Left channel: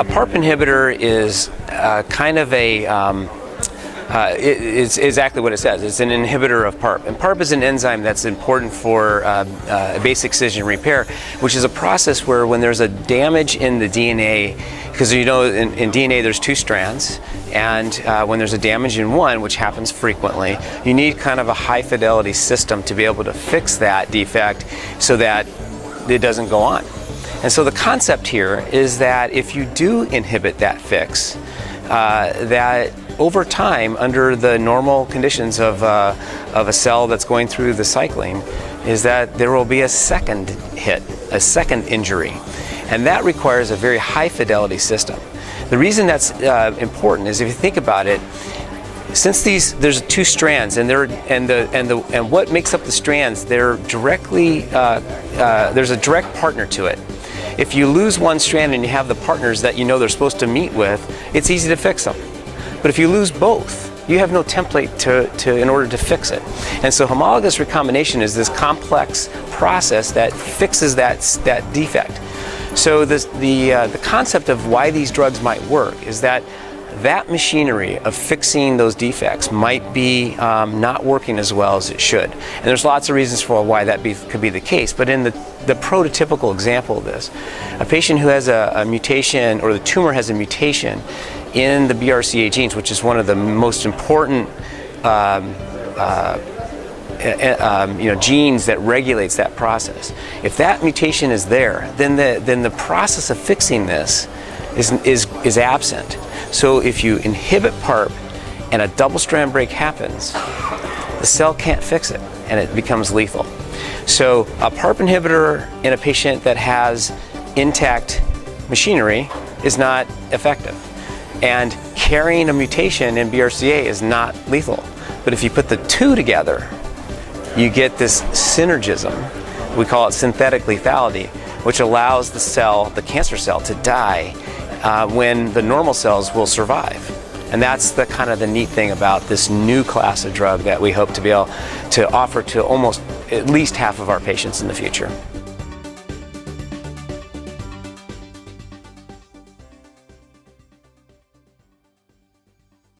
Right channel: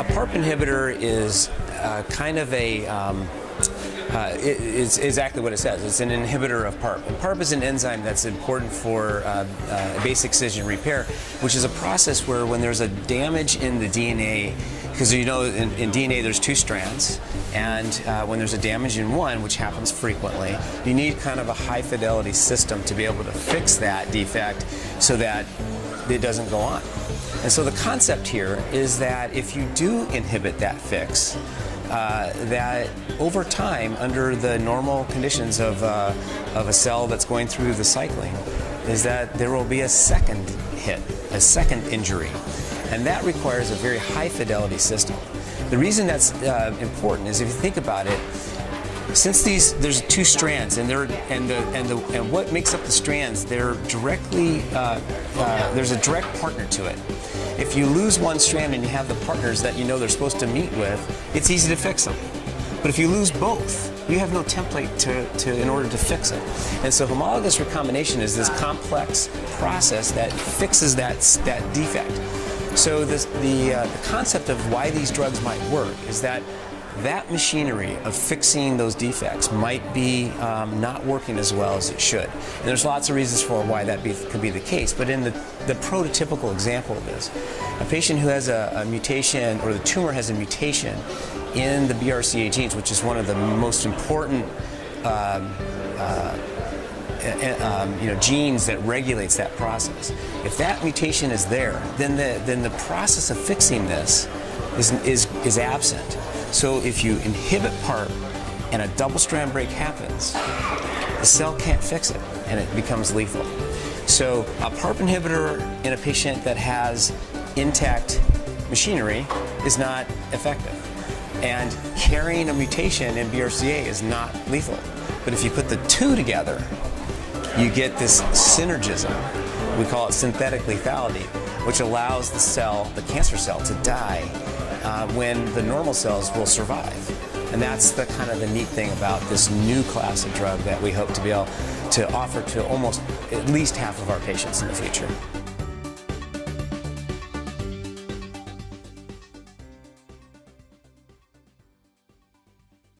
A PARP inhibitor is kind of it's exactly what it says. It's an inhibitor of PARP. And PARP is an enzyme that's important for basic excision repair, which is a process where when there's a damage in the DNA, because you know in DNA there's two strands, and when there's a damage in one, which happens frequently, you need kind of a high fidelity system to be able to fix that defect so that it doesn't go on. And so the concept here is that if you do inhibit that fix, that over time, under the normal conditions of a cell that's going through the cycling, is that there will be a second hit, a second injury. And that requires a very high fidelity system. The reason that's important is if you think about it, since there's two strands, and what makes up the strands, they're directly there's a direct partner to it. If you lose one strand and you have the partners that you know they're supposed to meet with, it's easy to fix them. But if you lose both, you have no template in order to fix it. And so homologous recombination is this complex process that fixes that defect. So the concept of why these drugs might work is that machinery of fixing those defects might be not working as well as it should. And there's lots of reasons for why that could be the case. But in the prototypical example of this, a patient who has a mutation, or the tumor has a mutation in the BRCA genes, which is one of the most important genes that regulates that process. If that mutation is there, then the process of fixing this is absent. So if you inhibit PARP and a double-strand break happens, the cell can't fix it and it becomes lethal. So a PARP inhibitor in a patient that has intact machinery is not effective. And carrying a mutation in BRCA is not lethal. But if you put the two together, you get this synergism. We call it synthetic lethality, which allows the cancer cell, to die when the normal cells will survive. And that's the kind of the neat thing about this new class of drug that we hope to be able to offer to almost at least half of our patients in the future.